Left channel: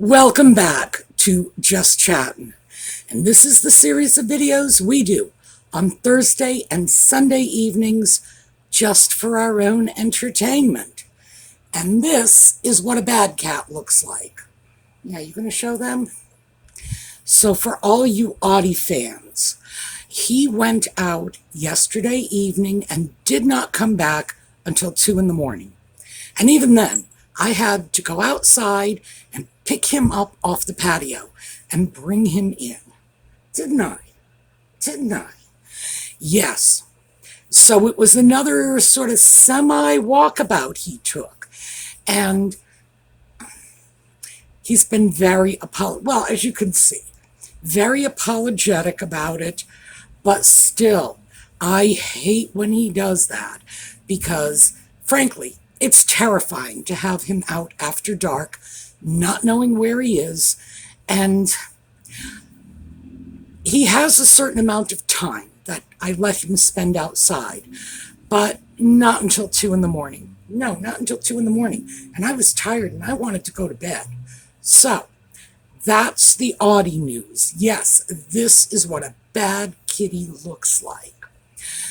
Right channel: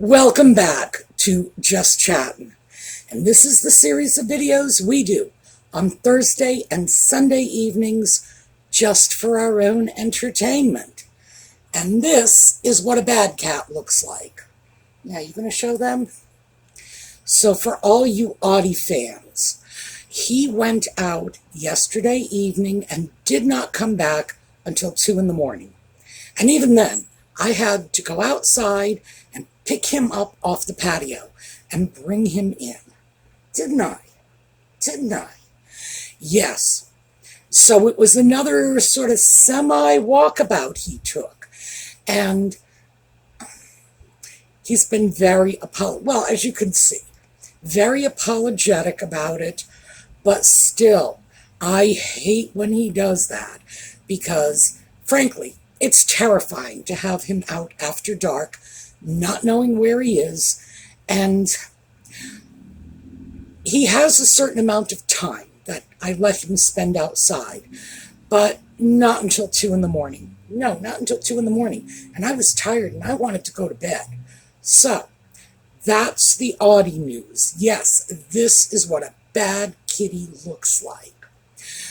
Welcome back to Just Chattin', and this is the series of videos we do on Thursday and Sunday evenings just for our own entertainment. And this is what a bad cat looks like. Now, you going to show them? So for all you Audie fans, he went out yesterday evening and did not come back until 2 in the morning. And even then, I had to go outside and pick him up off the patio and bring him in. Didn't I? Didn't I? Yes. So it was another sort of semi-walkabout he took. And he's been very, well, as you can see, very apologetic about it. But still, I hate when he does that because, frankly, it's terrifying to have him out after dark, not knowing where he is, and he has a certain amount of time that I let him spend outside, but not until 2 in the morning. No, not until 2 in the morning, and I was tired and I wanted to go to bed. So, that's the Audie news. Yes, this is what a bad kitty looks like.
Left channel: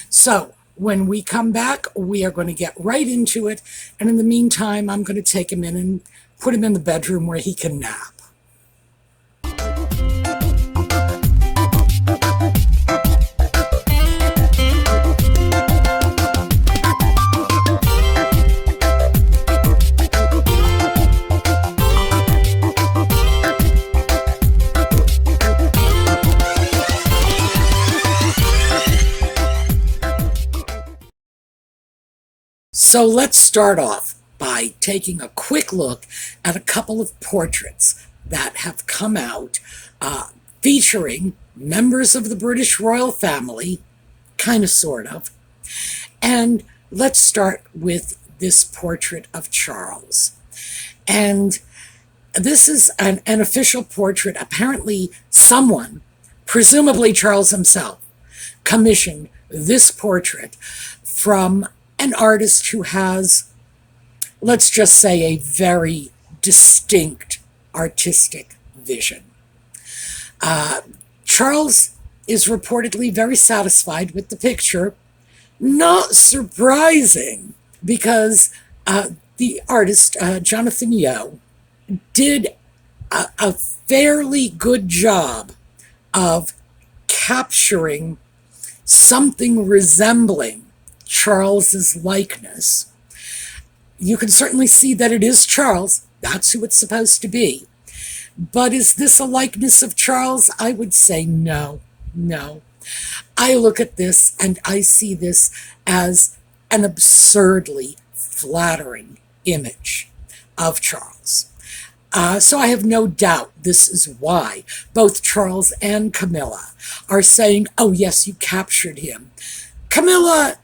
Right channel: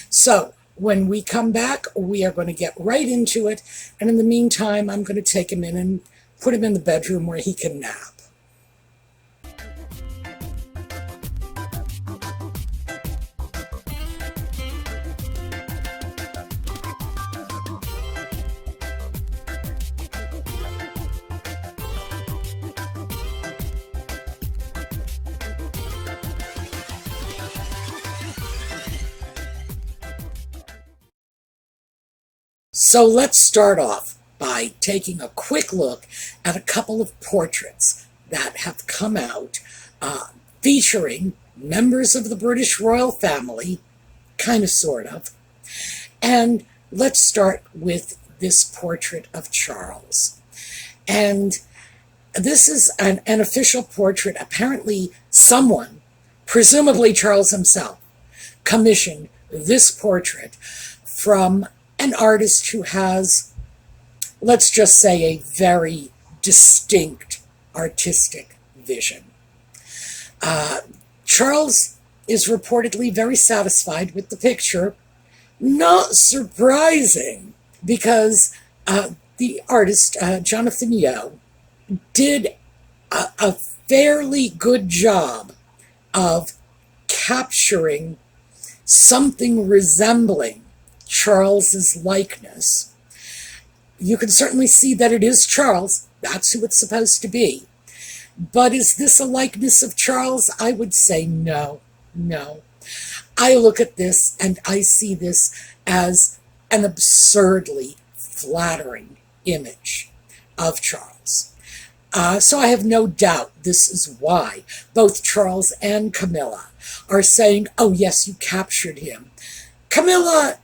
So, when we come back, we are going to get right into it. And in the meantime, I'm going to take him in and put him in the bedroom where he can nap. So let's start off by taking a quick look at a couple of portraits that have come out featuring members of the British royal family, kind of, sort of. And let's start with this portrait of Charles. And this is an official portrait. Apparently someone, presumably Charles himself, commissioned this portrait from an artist who has, let's just say, a very distinct artistic vision. Charles is reportedly very satisfied with the picture. Not surprising, because the artist, Jonathan Yeo, did a fairly good job of capturing something resembling Charles's likeness. You can certainly see that it is Charles. That's who it's supposed to be. But is this a likeness of Charles? I would say no. No. I look at this and I see this as an absurdly flattering image of Charles. So I have no doubt this is why both Charles and Camilla are saying, oh yes, you captured him. Camilla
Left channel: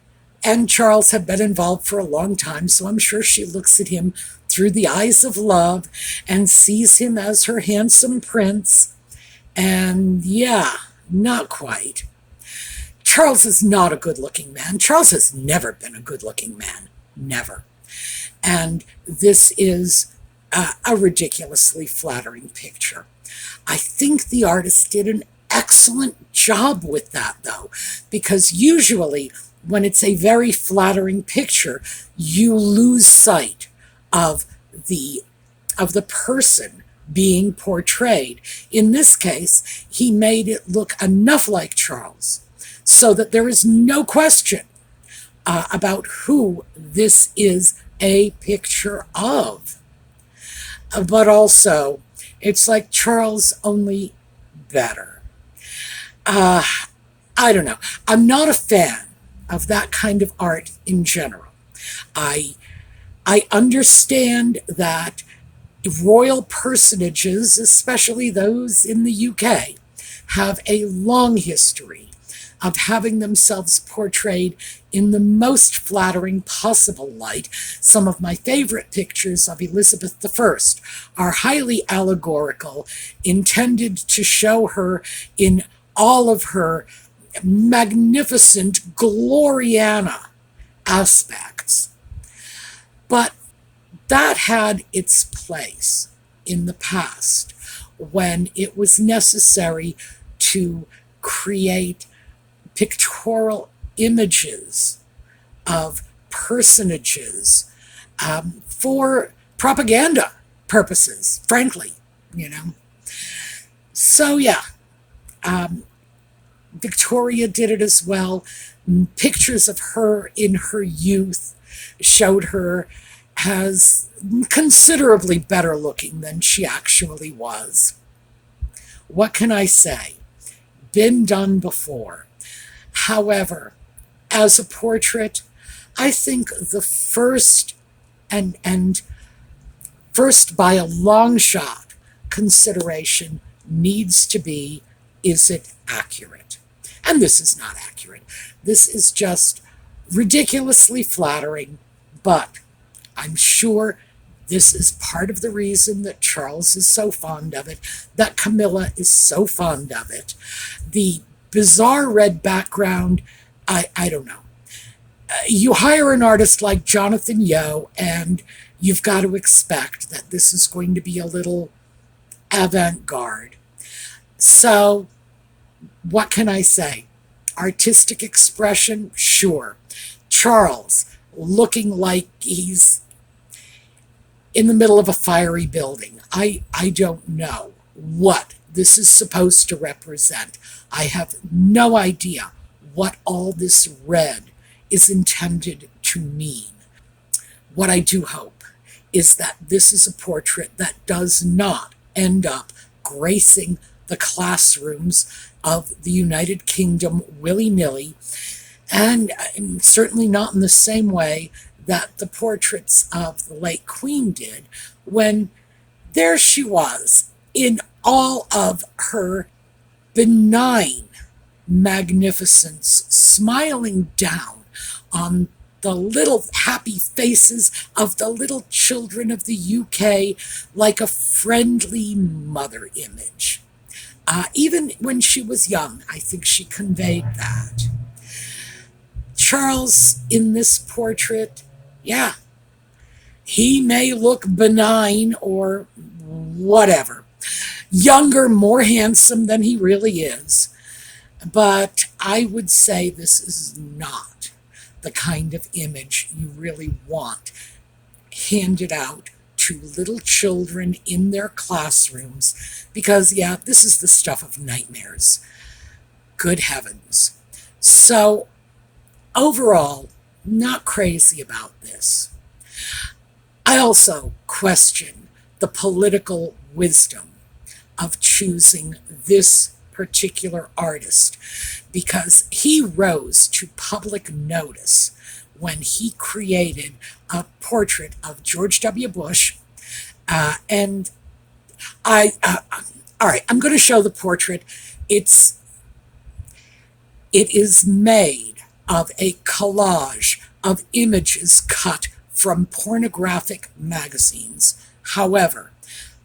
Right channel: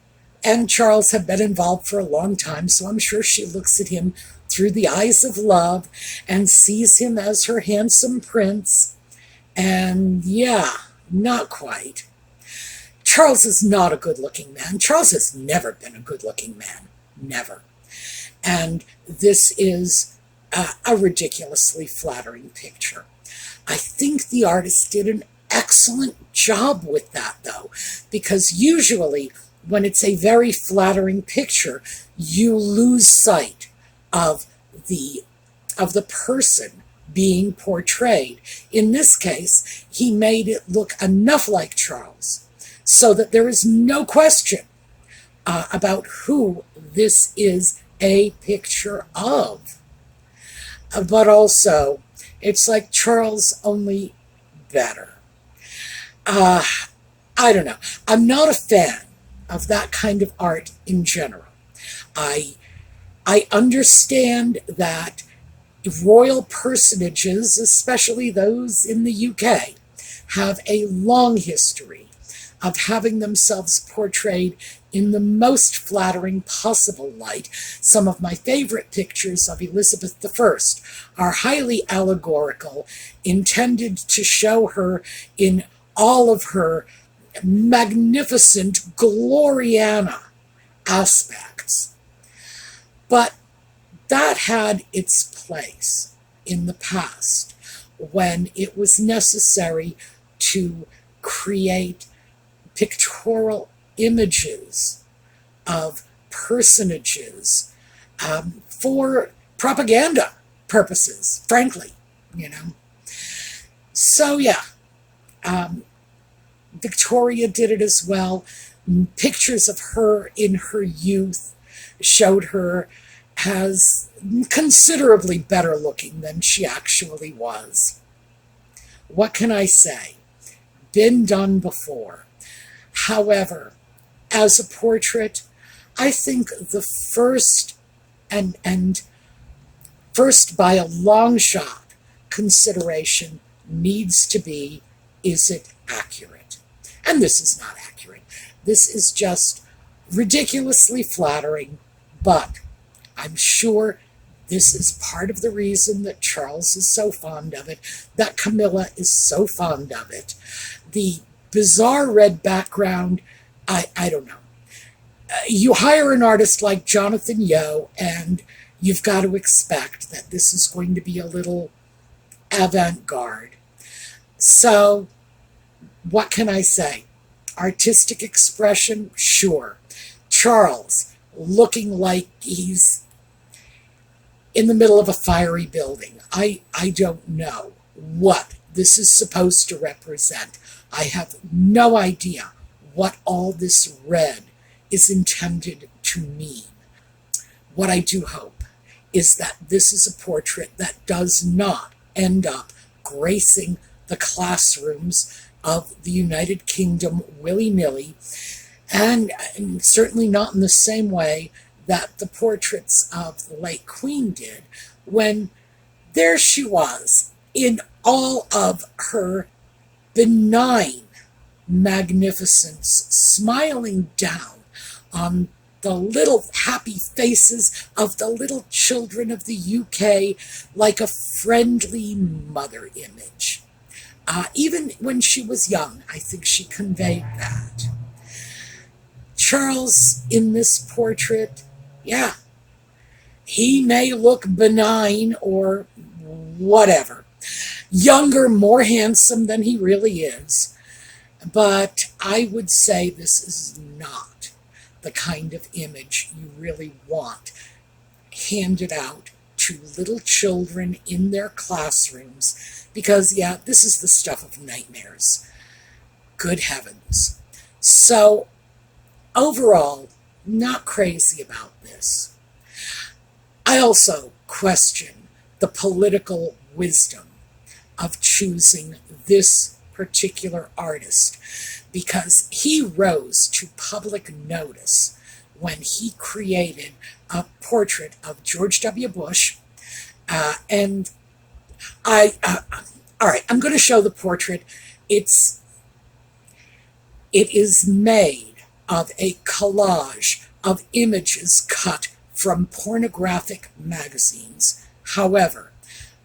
and Charles have been involved for a long time, so I'm sure she looks at him through the eyes of love and sees him as her handsome prince. And yeah, not quite. Charles is not a good-looking man. Charles has never been a good-looking man. Never. And this is a ridiculously flattering picture. I think the artist did an excellent job with that, though, because usually when it's a very flattering picture, you lose sight of the person being portrayed. In this case, he made it look enough like Charles so that there is no question about who this is a picture of. But also, it's like Charles, only better. I don't know. I'm not a fan of that kind of art in general. I understand that royal personages, especially those in the UK, have a long history of having themselves portrayed in the most flattering possible light. Some of my favorite pictures of Elizabeth I are highly allegorical, intended to show her in all of her magnificent Gloriana aspects. But that had its place. in the past when it was necessary to create pictorial images of personages for propaganda purposes, frankly, you know. So, yeah, Victoria did it as well. Pictures of her in her youth showed her as considerably better looking than she actually was. What can I say? Been done before. However, as a portrait, I think the and first by a long shot consideration needs to be, is it accurate? And this is not accurate. This is just ridiculously flattering, but I'm sure this is part of the reason that Charles is so fond of it, that Camilla is so fond of it. The bizarre red background, I don't know. You hire an artist like Jonathan Yeo, and you've got to expect that this is going to be a little avant-garde. So, what can I say? Artistic expression, sure. Charles, looking like he's in the middle of a fiery building. I don't know what this is supposed to represent. I have no idea what all this red is intended to mean. What I do hope is that this is a portrait that does not end up gracing the classrooms of the United Kingdom willy-nilly, and certainly not in the same way that the portraits of the late Queen did, when there she was in all of her benign magnificence, smiling down on the little happy faces of the little children of the UK like a friendly mother image. Even when she was young, I think she conveyed that. Charles, in this portrait, yeah, he may look benign or whatever, younger, more handsome than he really is, but I would say this is not the kind of image you really want handed out to little children in their classrooms, because, yeah, this is the stuff of nightmares. Good heavens. So, overall, not crazy about this. I also question the political wisdom of choosing this particular artist, because he rose to public notice when he created a portrait of George W. Bush. And all right, I'm going to show the portrait. It is made of a collage of images cut from pornographic magazines. However,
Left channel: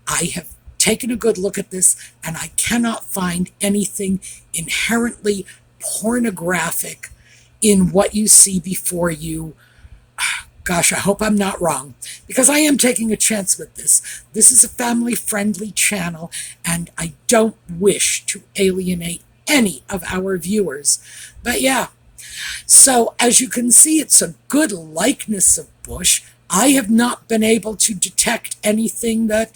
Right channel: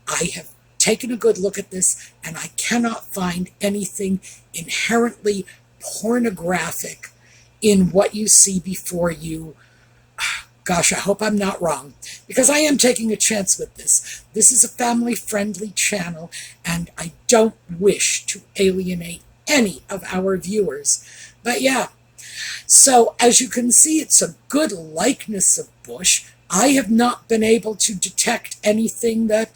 I have taken a good look at this, and I cannot find anything inherently pornographic in what you see before you. Gosh, I hope I'm not wrong, because I am taking a chance with this. This is a family-friendly channel, and I don't wish to alienate any of our viewers. But yeah, so as you can see, it's a good likeness of Bush. I have not been able to detect anything that,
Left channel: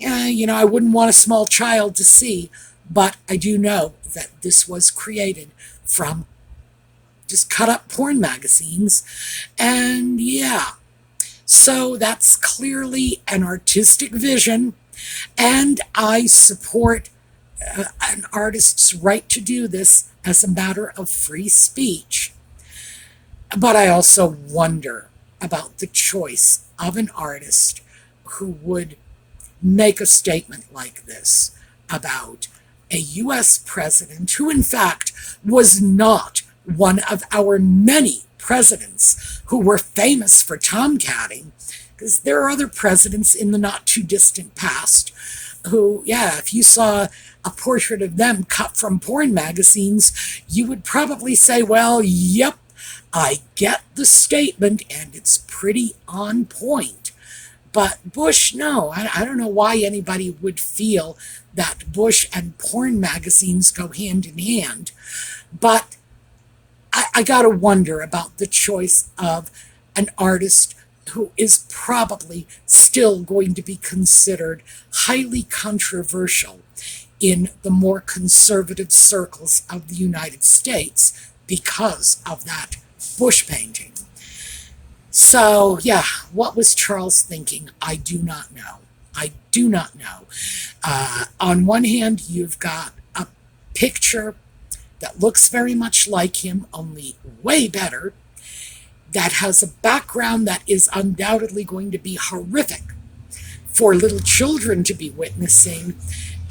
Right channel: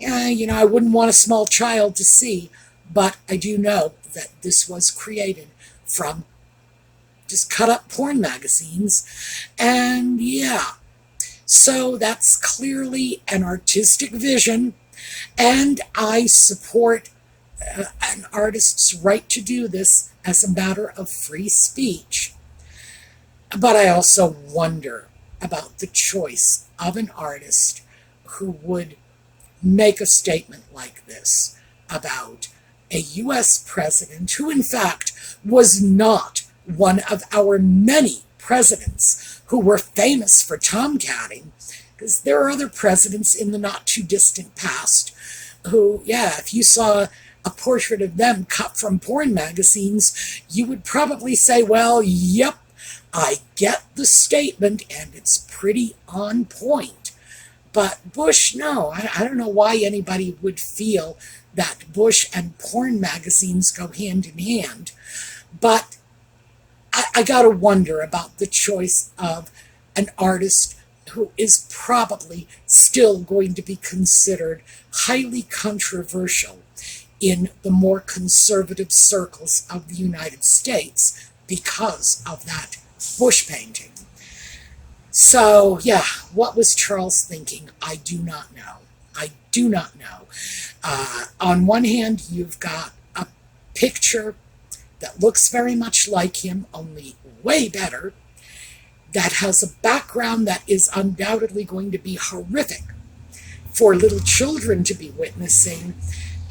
I wouldn't want a small child to see, but I do know that this was created from just cut up porn magazines. And yeah, so that's clearly an artistic vision, and I support an artist's right to do this as a matter of free speech. But I also wonder about the choice of an artist who would make a statement like this about a U.S. president who, in fact, was not one of our many presidents who were famous for tomcatting, because there are other presidents in the not-too-distant past who, yeah, if you saw a portrait of them cut from porn magazines, you would probably say, well, yep, I get the statement, and it's pretty on point. But Bush, no, I don't know why anybody would feel that Bush and porn magazines go hand in hand. But I got to wonder about the choice of an artist who is probably still going to be considered highly controversial in the more conservative circles of the United States because of that Bush painting. So, yeah, what was Charles thinking? I do not know. I do not know. On one hand, you've got a picture that looks very much like him, only way better, that has a background that is undoubtedly going to be horrific for little children to be witnessing,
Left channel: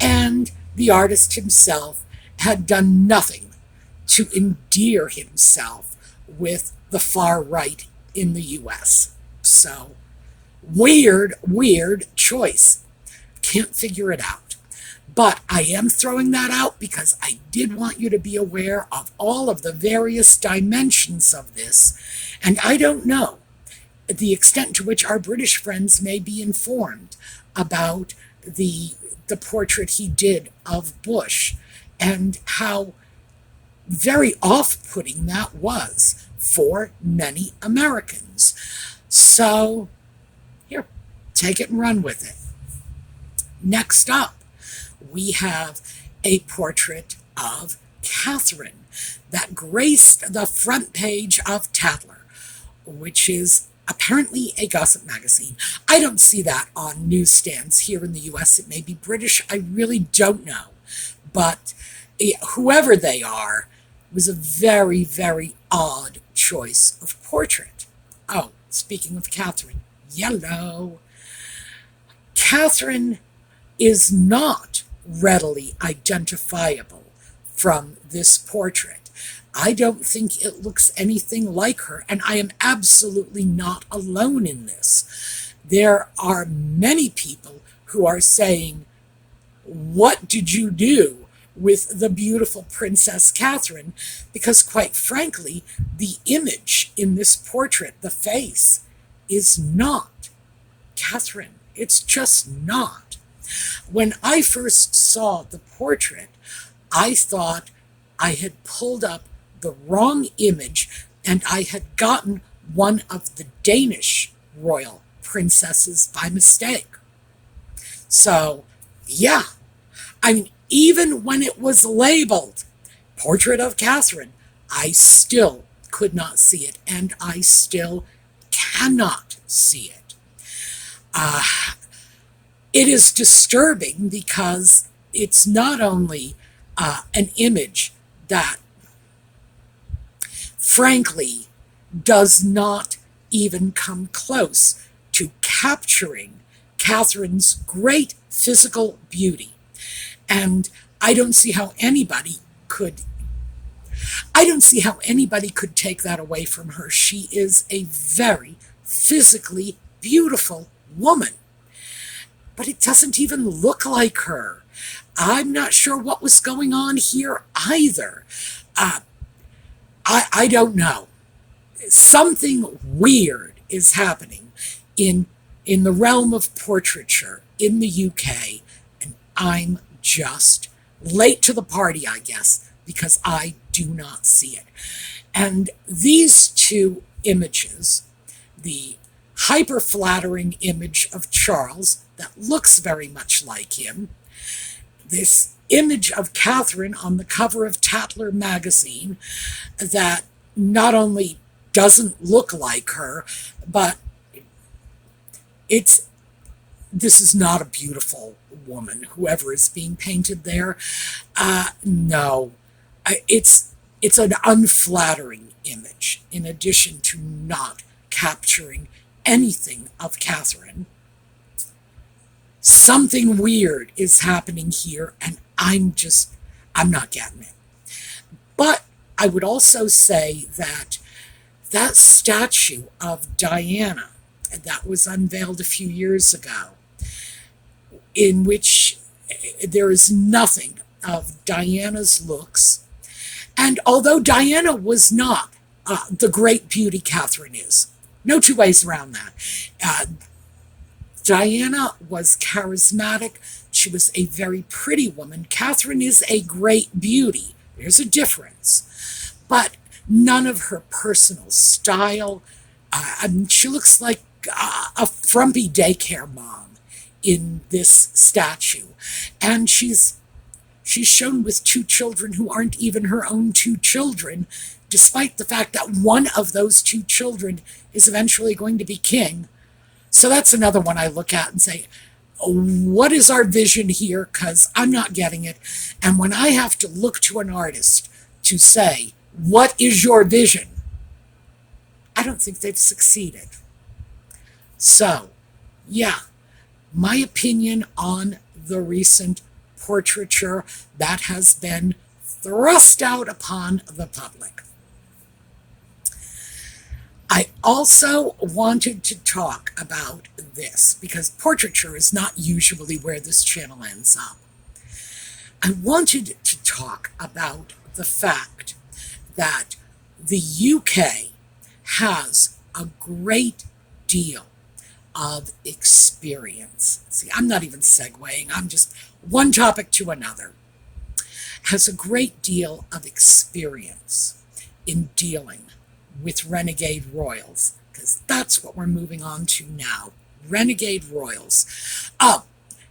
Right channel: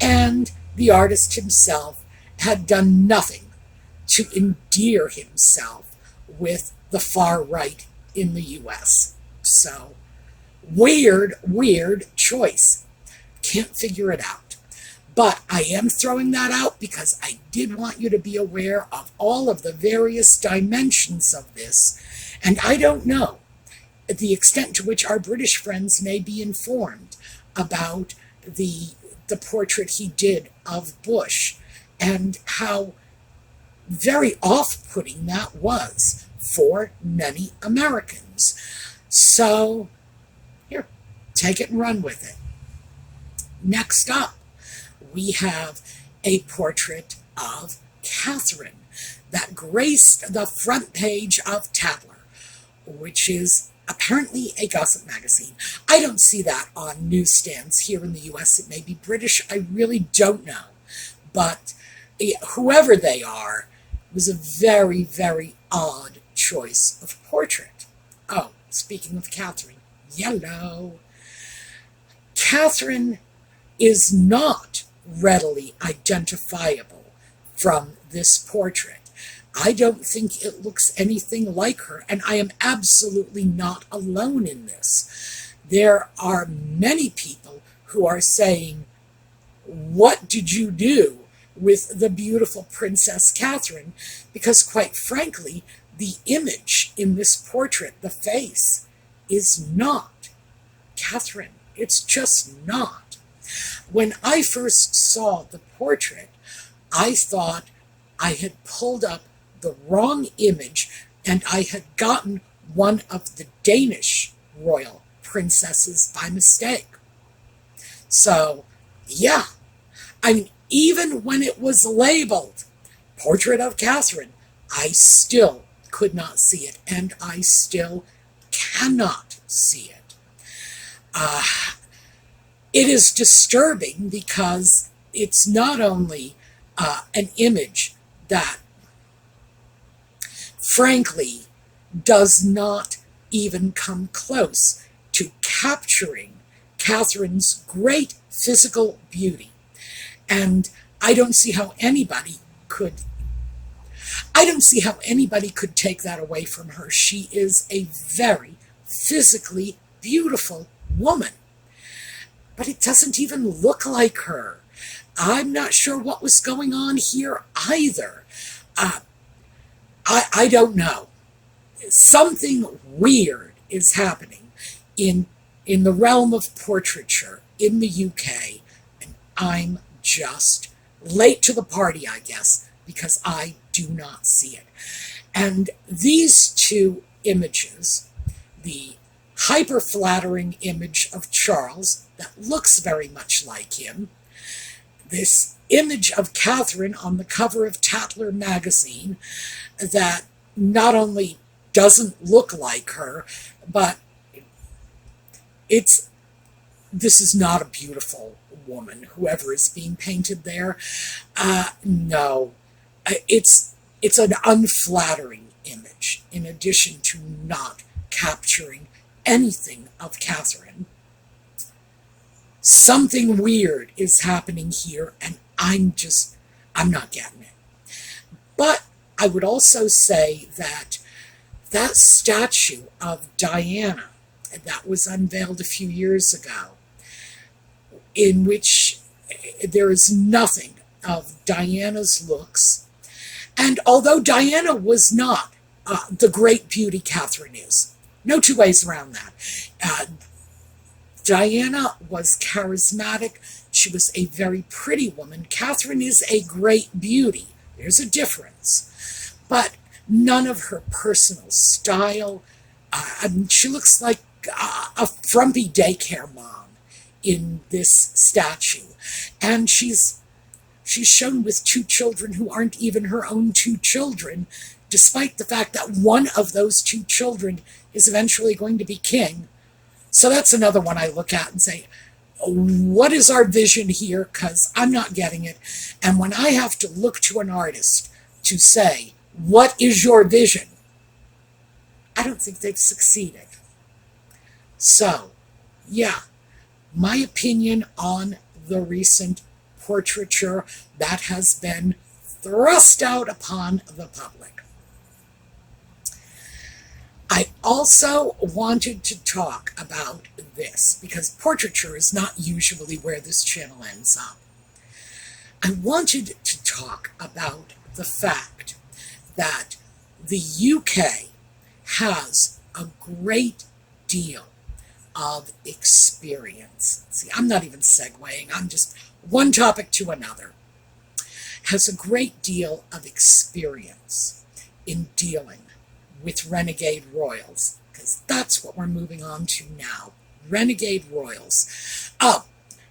and the artist himself had done nothing to endear himself with the far right in the US. So, weird choice. Can't figure it out. But I am throwing that out because I did want you to be aware of all of the various dimensions of this. And I don't know the extent to which our British friends may be informed about the portrait he did of Bush and how very off-putting that was for many Americans. So, here, take it and run with it. Next up, we have a portrait of Catherine that graced the front page of Tatler, which is apparently a gossip magazine. I don't see that on newsstands here in the US. It may be British. I really don't know. But whoever they are, it was a very, very odd choice of portrait. Oh, speaking of Catherine, yellow. Catherine is not readily identifiable from this portrait. I don't think it looks anything like her, and I am absolutely not alone in this. There are many people who are saying, what did you do with the beautiful Princess Catherine? Because quite frankly, the image in this portrait, the face, is not Catherine. It's just not. When I first saw the portrait, I thought I had pulled up the wrong image and I had gotten one of the Danish royal princesses by mistake. So, yeah, I mean, even when it was labeled Portrait of Catherine, I still could not see it, and I still cannot see it. It is disturbing because it's not only an image that, frankly, does not even come close to capturing Catherine's great physical beauty. And I don't see how anybody could take that away from her. She is a very physically beautiful woman. But it doesn't even look like her. I'm not sure what was going on here either. I don't know. Something weird is happening in the realm of portraiture in the UK, and I'm just late to the party, I guess, because I do not see it. And these two images, the hyper-flattering image of Charles that looks very much like him, this image of Catherine on the cover of Tatler magazine that not only doesn't look like her, but this is not a beautiful woman, whoever is being painted there. No, it's an unflattering image, in addition to not capturing anything of Catherine. Something weird is happening here, and I'm not getting it. But I would also say that statue of Diana that was unveiled a few years ago, in which there is nothing of Diana's looks, and although Diana was not the great beauty Catherine is, no two ways around that. Diana was charismatic. She was a very pretty woman. Catherine is a great beauty. There's a difference. But none of her personal style. She looks like a frumpy daycare mom in this statue. And she's shown with two children who aren't even her own two children, despite the fact that one of those two children is eventually going to be king. So that's another one I look at and say, what is our vision here? Because I'm not getting it. And when I have to look to an artist to say, what is your vision? I don't think they've succeeded. So, yeah, my opinion on the recent portraiture that has been thrust out upon the public. I also wanted to talk about this because portraiture is not usually where this channel ends up. I wanted to talk about the fact that the UK has a great deal of experience. See, I'm not even segueing, I'm just one topic to another. Has a great deal of experience in dealing with renegade royals, because that's what we're moving on to now. Renegade royals.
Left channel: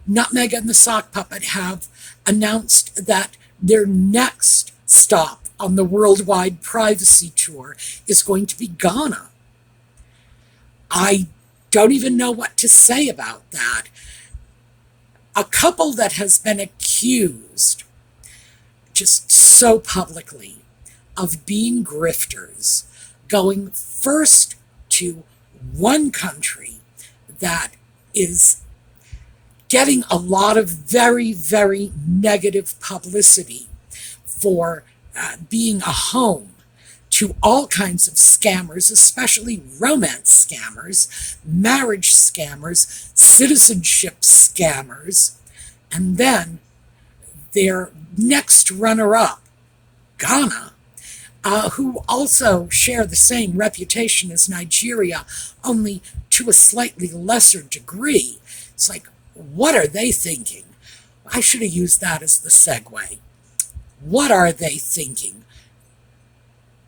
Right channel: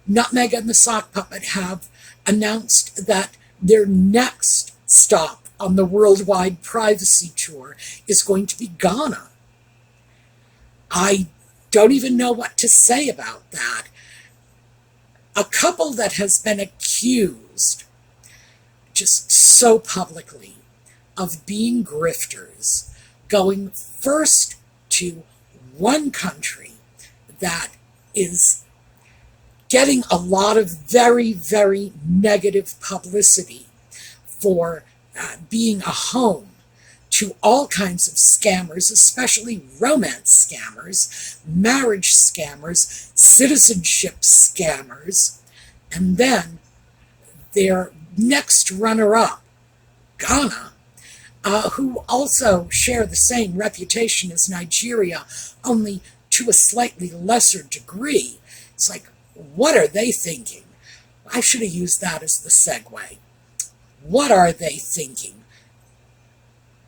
Nutmeg and the Sock Puppet have announced that their next stop on the worldwide privacy tour is going to be Ghana. I don't even know what to say about that. A couple that has been accused just so publicly of being grifters, going first to one country that is getting a lot of very, very negative publicity for being a home to all kinds of scammers, especially romance scammers, marriage scammers, citizenship scammers, and then their next runner-up, Ghana, who also share the same reputation as Nigeria, only to a slightly lesser degree. It's like, what are they thinking? I should have used that as the segue. What are they thinking?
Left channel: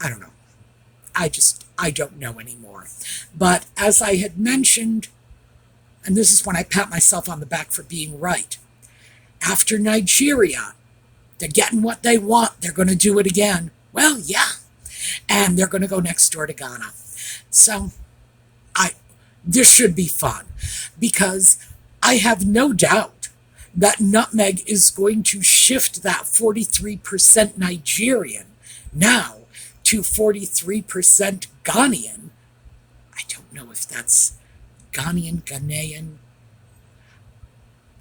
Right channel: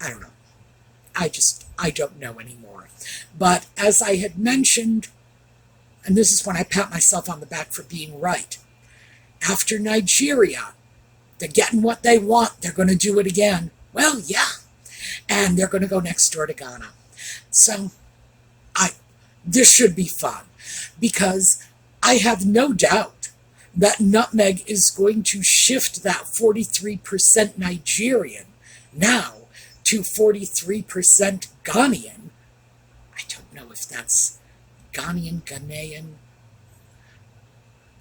I don't know. I don't know anymore. But as I had mentioned, and this is when I pat myself on the back for being right, after Nigeria, they're getting what they want. They're going to do it again. Well, yeah. And they're going to go next door to Ghana. So this should be fun, because I have no doubt that Nutmeg is going to shift that 43% Nigerian now to 43% Ghanaian. I don't know if that's Ghanaian.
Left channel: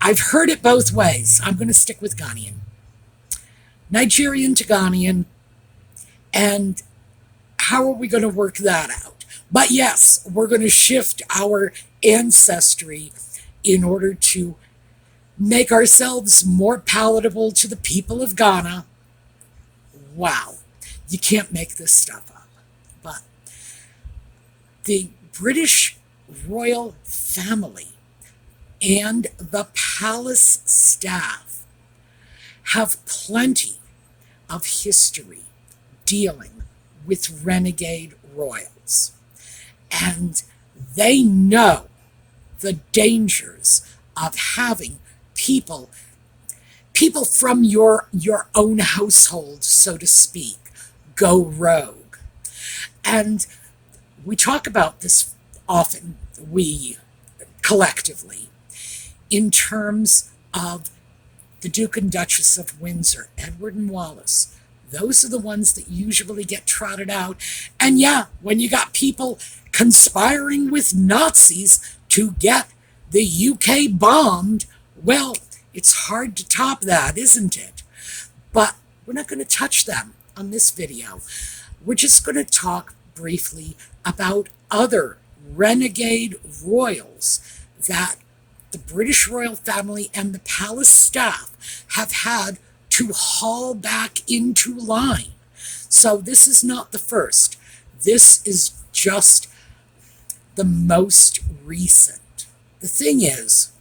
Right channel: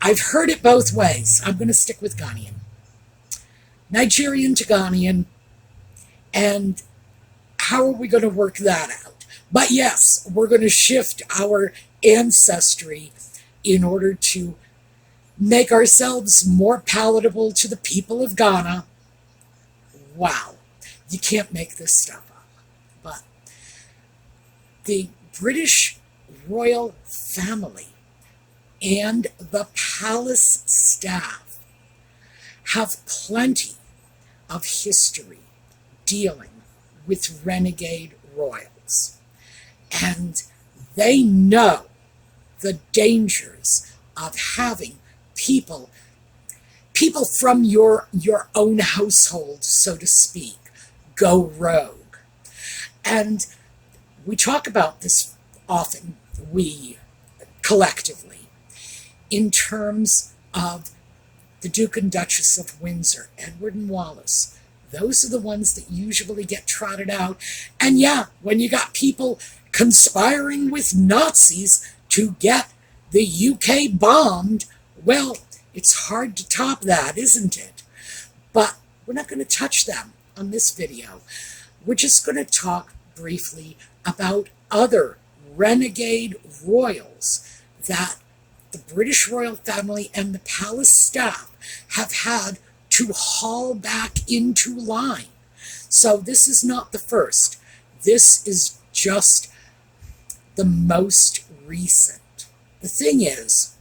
I've heard it both ways. I'm going to stick with Ghanaian. Nigerian to Ghanaian. And how are we going to work that out? But yes, we're going to shift our ancestry in order to make ourselves more palatable to the people of Ghana. Wow, you can't make this stuff up. But the British royal family and the palace staff have plenty of history dealing with renegade royals. And they know the dangers of having people from your own household, so to speak, go rogue. And we talk about this often, we collectively, in terms of the Duke and Duchess of Windsor, Edward and Wallis. Those are the ones that usually get trotted out. And yeah, when you got people conspiring with Nazis to get the UK bombed, well, it's hard to top that, isn't it? But we're not going to touch them on this video. We're just going to talk briefly about other renegade royals that the British royal family and the palace staff have had to haul back into line. So this is not the first. This is just the most recent. The thing is,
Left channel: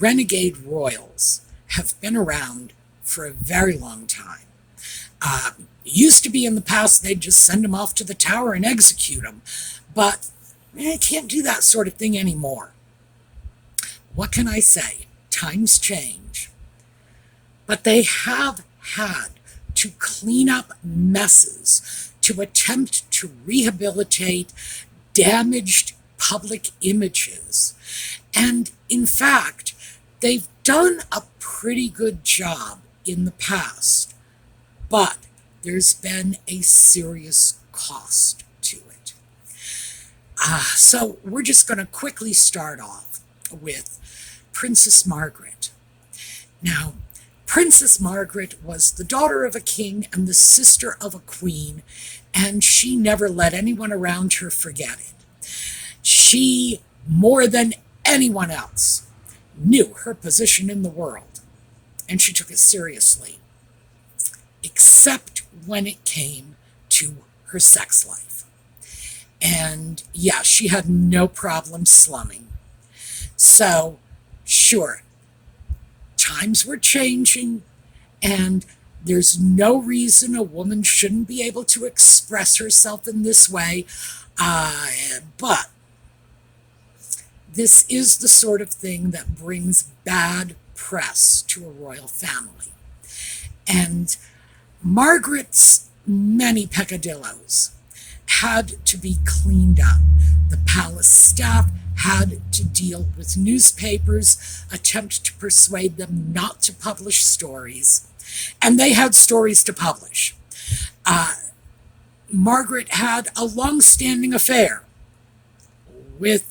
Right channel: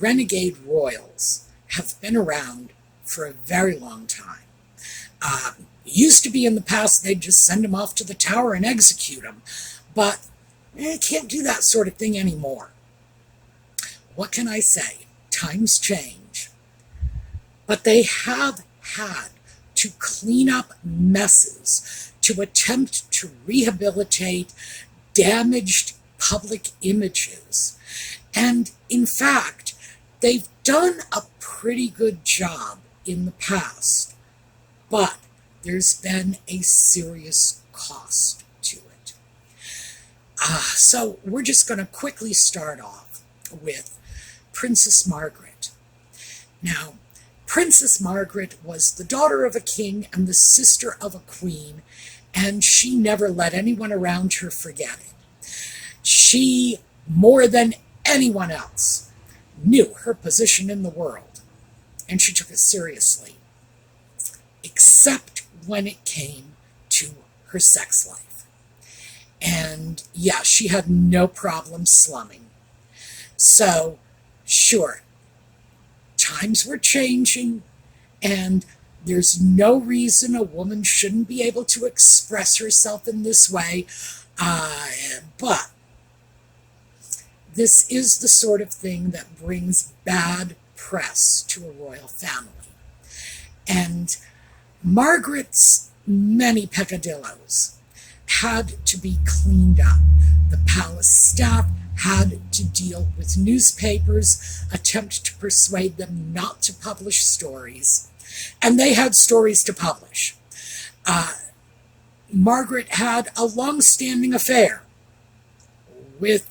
renegade royals have been around for a very long time. Used to be in the past, they'd just send them off to the tower and execute them. But can't do that sort of thing anymore. What can I say? Times change. But they have had to clean up messes, to attempt to rehabilitate damaged public images. And in fact, they've done a pretty good job in the past, but there's been a serious cost to it. So we're just going to quickly start off with Princess Margaret. Now, Princess Margaret was the daughter of a king and the sister of a queen, and she never let anyone around her forget it. She, more than anyone else, knew her position in the world, and she took it seriously, except when it came to her sex life. And yeah, she had no problem slumming. So, sure, times were changing, and there's no reason a woman shouldn't be able to express herself in this way, but this is the sort of thing that brings bad press to a royal family. And Margaret's many peccadillos had to be cleaned up. The palace staff had to deal with newspapers, attempt to persuade them not to publish stories, and they had stories to publish. Margaret had a long-standing affair with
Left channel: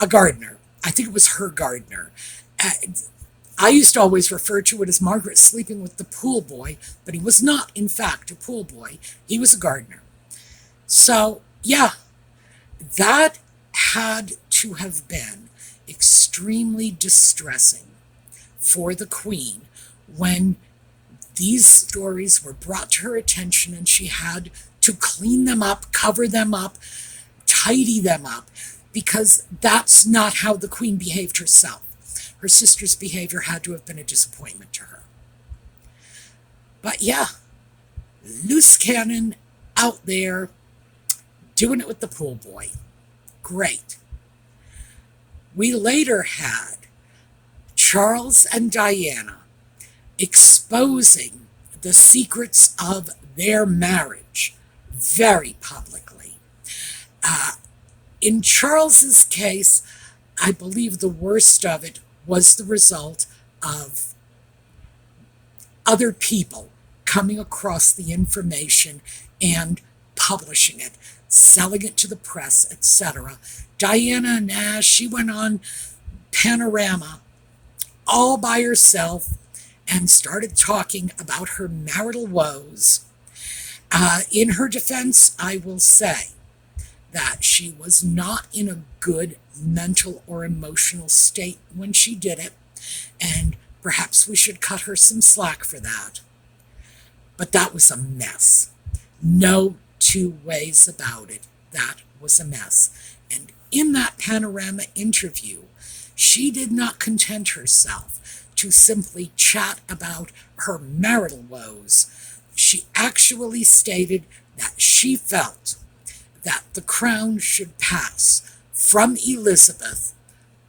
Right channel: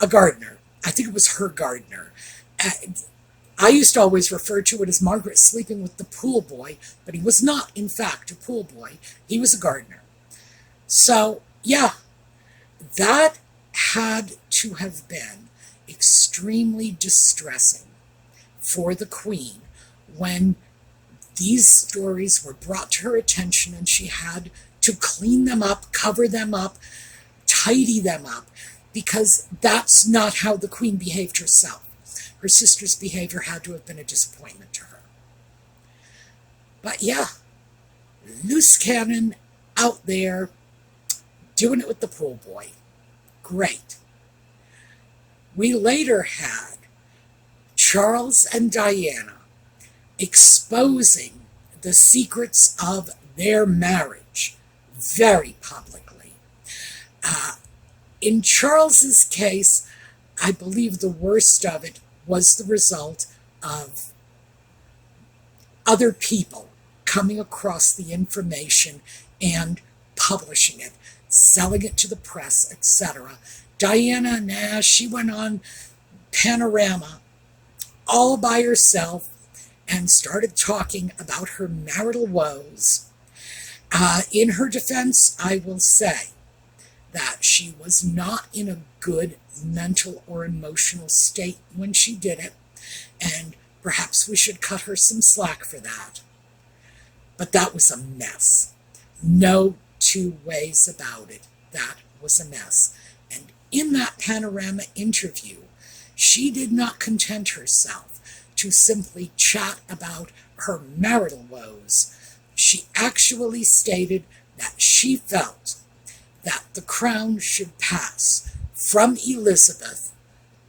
a gardener. I think it was her gardener. I used to always refer to it as Margaret sleeping with the pool boy, but he was not, in fact, a pool boy. He was a gardener. So, yeah, that had to have been extremely distressing for the Queen when these stories were brought to her attention and she had to clean them up, cover them up, tidy them up, because that's not how the Queen behaved herself. Her sister's behavior had to have been a disappointment to her. But yeah, loose cannon out there doing it with the pool boy. Great. We later had Charles and Diana exposing the secrets of their marriage very publicly. In Charles's case, I believe the worst of it was the result of other people coming across the information and publishing it, selling it to the press, etc. Diana, she went on Panorama all by herself and started talking about her marital woes. In her defense, I will say that she was not in a good mental or emotional state when she did it, and perhaps we should cut her some slack for that. But that was a mess. No two ways about it. That was a mess. And in that Panorama interview, she did not content herself to simply chat about her marital woes. She actually stated that she felt that the crown should pass from Elizabeth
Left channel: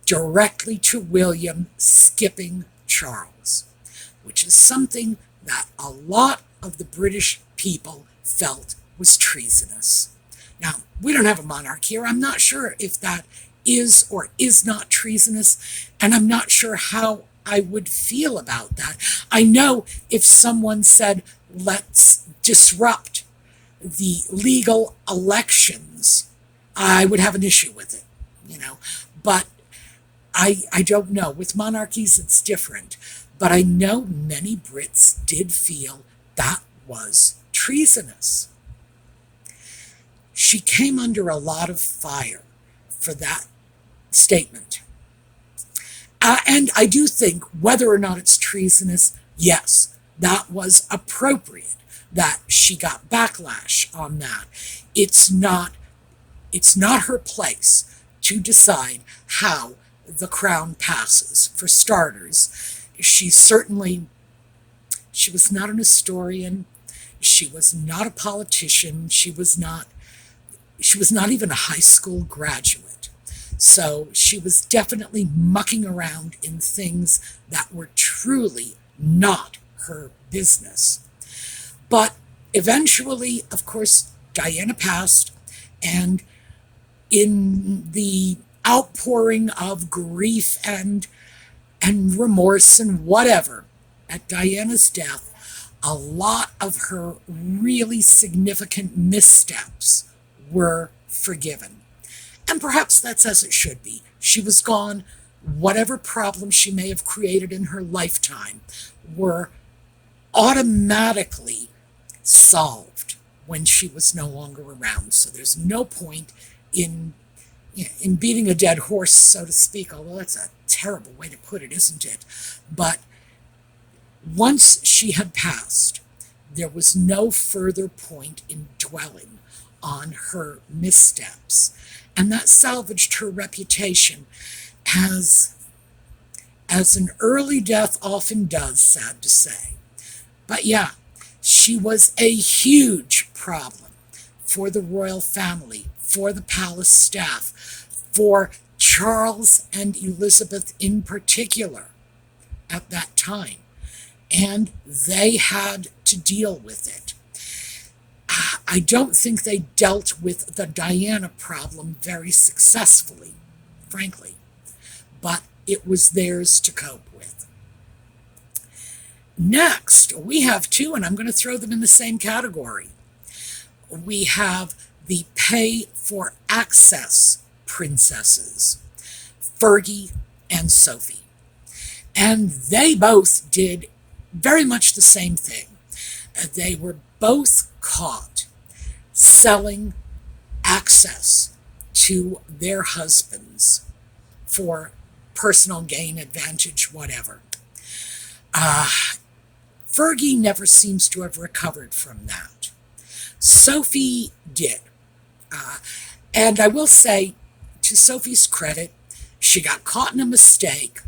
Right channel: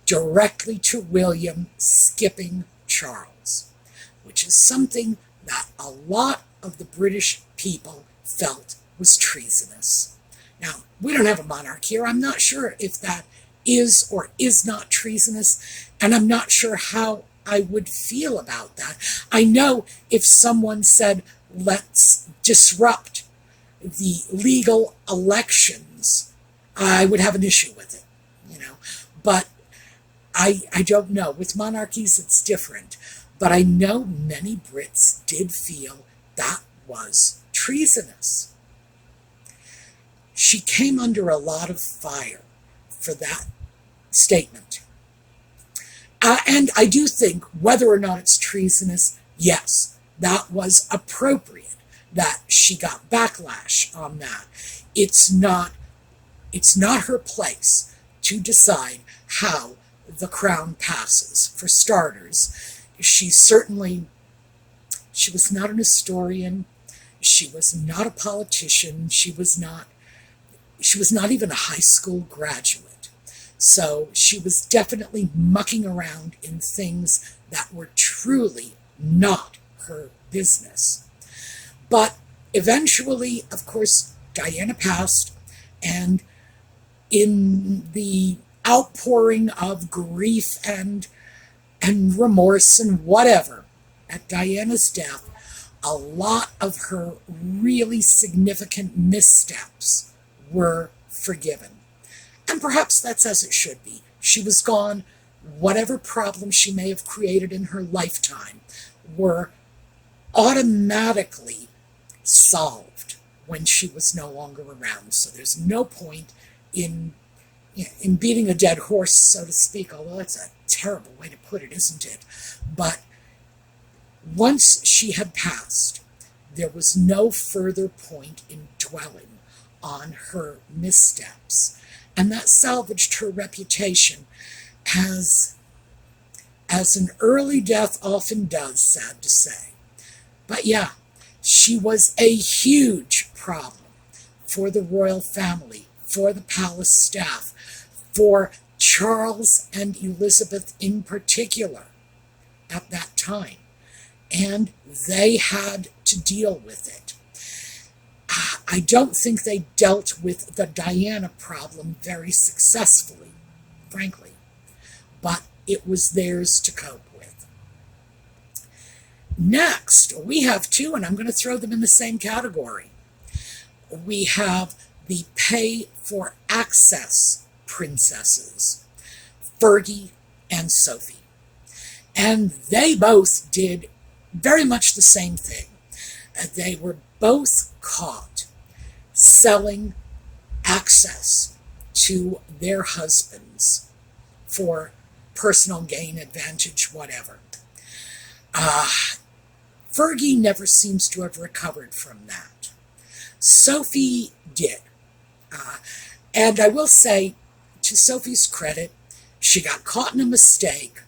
directly to William, skipping Charles, which is something that a lot of the British people felt was treasonous. Now, we don't have a monarch here. I'm not sure if that is or is not treasonous, and I'm not sure how I would feel about that. I know if someone said, let's disrupt the legal elections, I would have an issue with it, but I don't know. With monarchies, it's different. But I know many Brits did feel that was treasonous. She came under a lot of fire for that statement. And I do think whether or not it's treasonous, yes, that was appropriate that she got backlash on that. It's not her place to decide how the crown passes. For starters, she was not an historian. She was not a politician. She was not even a high school graduate. So she was definitely mucking around in things that were truly not her business. But eventually, of course, Diana passed, and in the outpouring of grief and remorse and whatever at Diana's death, a lot of her really significant missteps were forgiven. And perhaps that's as it should be. She was gone. Whatever problems she may have created in her lifetime were automatically solved when she was no longer around. So there's no point in beating a dead horse, so to speak, although that's a terrible way to put it, isn't it? But once she had passed, there was no further point in dwelling on her missteps. And that salvaged her reputation as an early death often does, sad to say. But yeah, she was a huge problem for the royal family, for the palace staff, for Charles and Elizabeth in particular at that time. And they had to deal with it. I don't think they dealt with the Diana problem very successfully, frankly, but it was theirs to cope with. Next, we have two, and I'm going to throw them in the same category. We have the pay for access princesses, Fergie and Sophie. And they both did very much the same thing. They were both caught selling access to their husbands for personal gain, advantage, whatever. Fergie never seems to have recovered from that. Sophie did. And I will say, to Sophie's credit, she got caught in a mistake.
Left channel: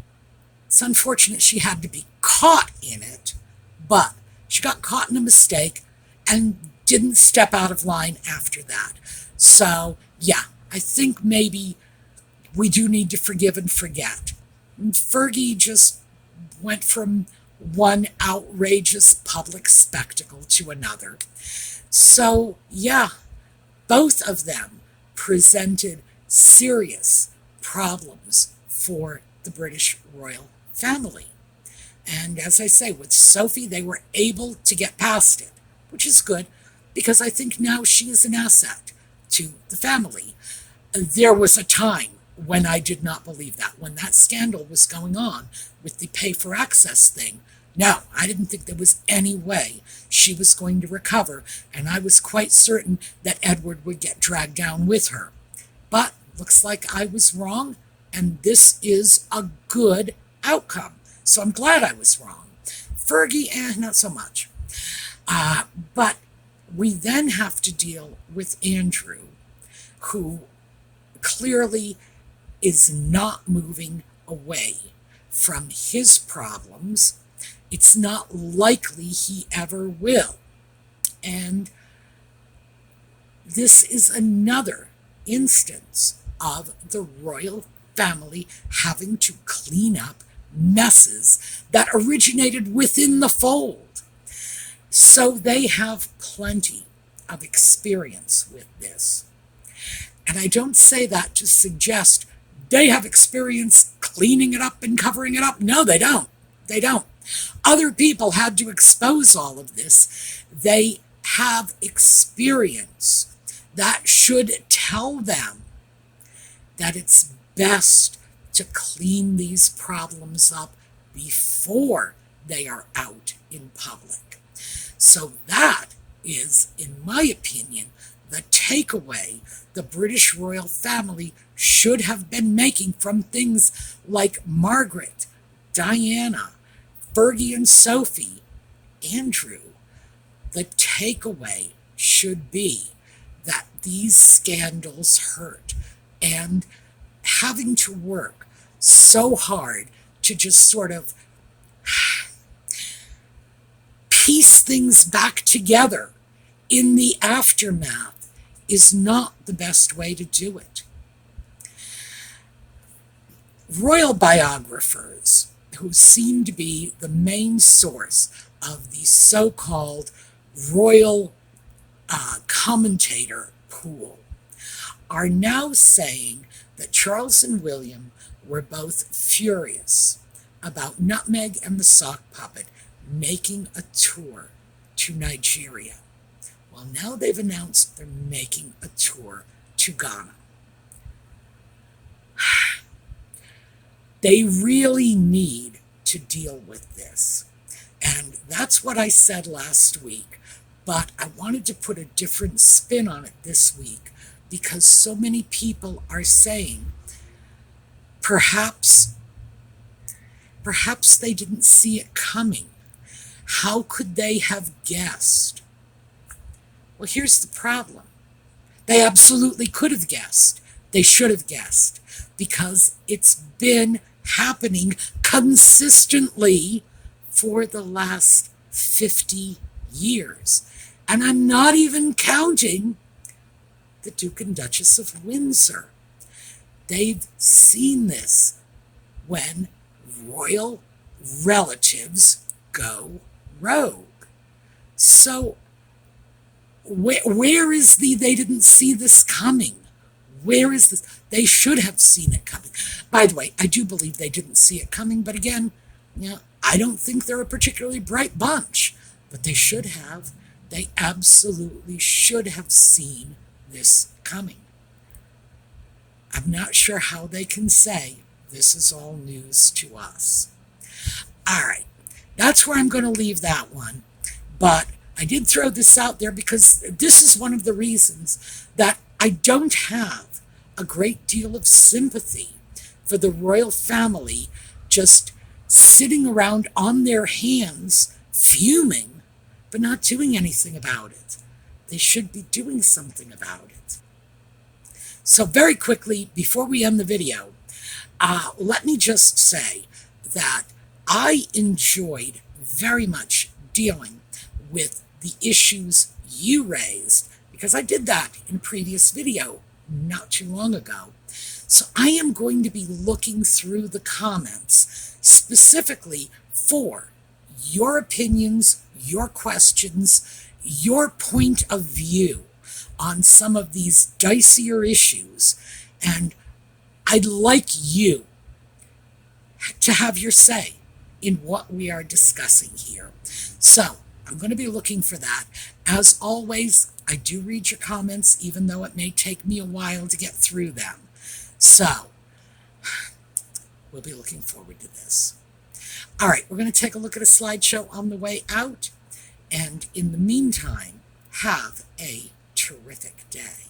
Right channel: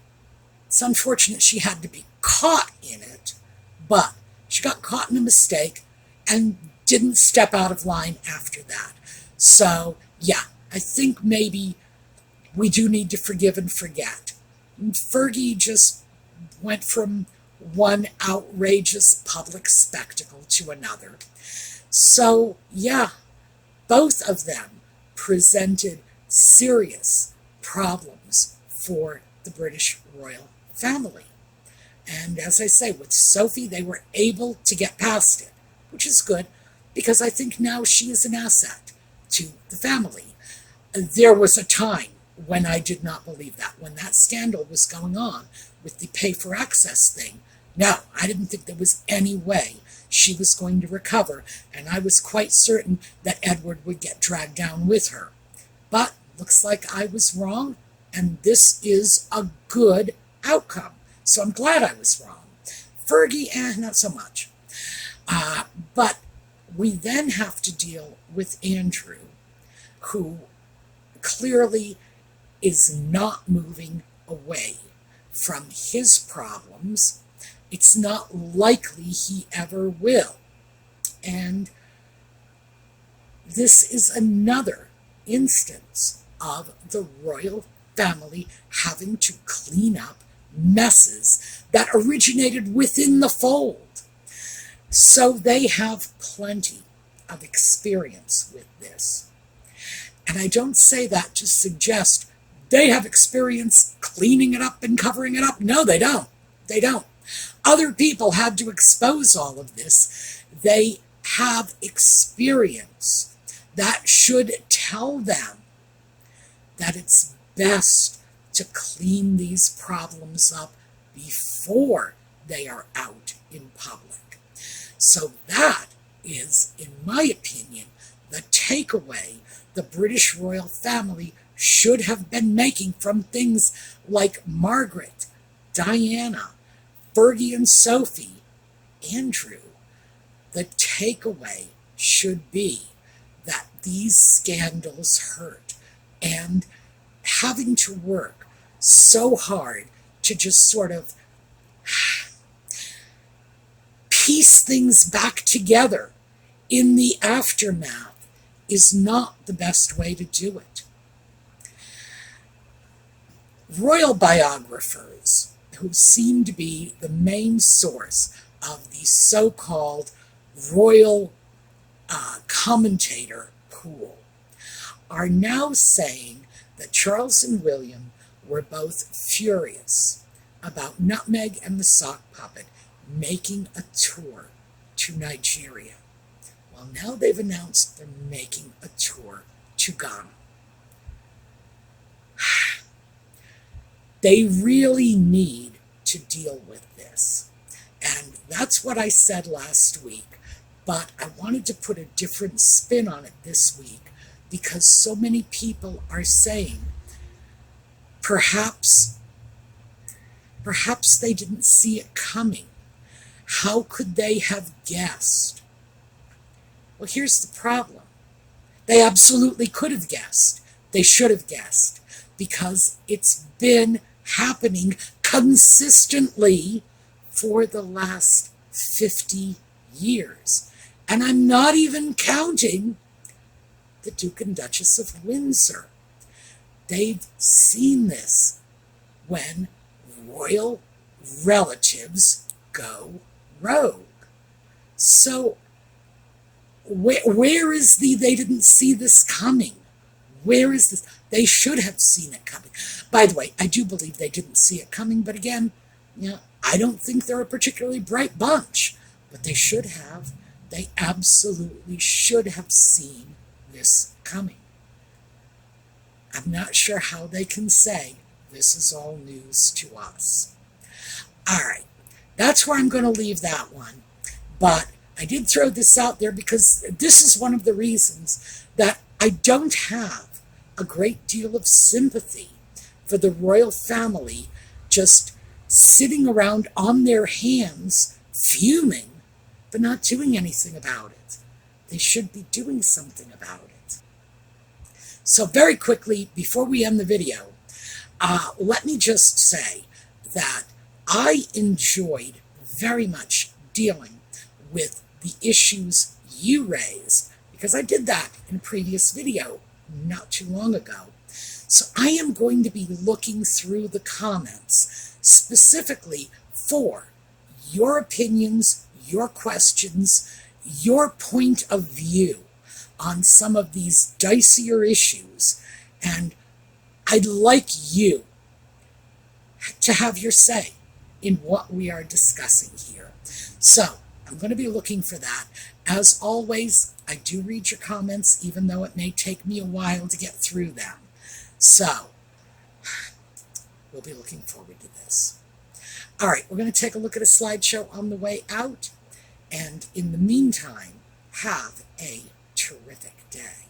It's unfortunate she had to be caught in it, but she got caught in a mistake and didn't step out of line after that. So, yeah, I think maybe we do need to forgive and forget. And Fergie just went from one outrageous public spectacle to another. So, yeah, both of them presented serious problems for the British royal family. And as I say, with Sophie, they were able to get past it, which is good, because I think now she is an asset to the family. There was a time when I did not believe that, when that scandal was going on with the pay for access thing. No, I didn't think there was any way she was going to recover, and I was quite certain that Edward would get dragged down with her. But looks like I was wrong, and this is a good outcome. So I'm glad I was wrong. Fergie, not so much. But we then have to deal with Andrew, who clearly is not moving away from his problems. It's not likely he ever will. And this is another instance of the royal family having to clean up messes that originated within the fold. So they have plenty of experience with this. And I don't say that to suggest they have experience cleaning it up and covering it up. No, they don't. They don't. Other people had to expose all of this. They have experience that should tell them that it's best to clean these problems up before they are out in public. So that is, in my opinion, the takeaway the British royal family should have been making from things like Margaret, Diana, Fergie and Sophie, Andrew. The takeaway should be that these scandals hurt, and having to work so hard to just sort of piece things back together in the aftermath is not the best way to do it. Royal biographers, who seem to be the main source of the so-called royal commentator pool, are now saying that Charles and William were both furious about Nutmeg and the Sock Puppet making a tour to Nigeria. Well, now they've announced they're making a tour to Ghana. They really need to deal with this. And that's what I said last week. But I wanted to put a different spin on it this week because so many people are saying perhaps they didn't see it coming. How could they have guessed? Well, here's the problem. They absolutely could have guessed. They should have guessed because it's been happening consistently for the last 50 years. And I'm not even counting the Duke and Duchess of Windsor. They've seen this when royal relatives go rogue. So where is they didn't see this coming? Where is this? They should have seen it coming. By the way, I do believe they didn't see it coming, but again, I don't think they're a particularly bright bunch, but they should have. They absolutely should have seen this coming. I'm not sure how they can say this is all news to us. All right, that's where I'm going to leave that one. But I did throw this out there because this is one of the reasons that I don't have a great deal of sympathy for the royal family just sitting around on their hands, fuming, but not doing anything about it. They should be doing something about it. So very quickly, before we end the video, let me just say that I enjoyed very much dealing with the issues you raised, because I did that in a previous video not too long ago. So I am going to be looking through the comments specifically for your opinions, your questions, your point of view on some of these dicier issues. And I'd like you to have your say in what we are discussing here. So I'm going to be looking for that. As always, I do read your comments, even though it may take me a while to get through them. So we'll be looking forward to this. All right, we're going to take a look at a slideshow on the way out. And in the meantime, have a terrific day.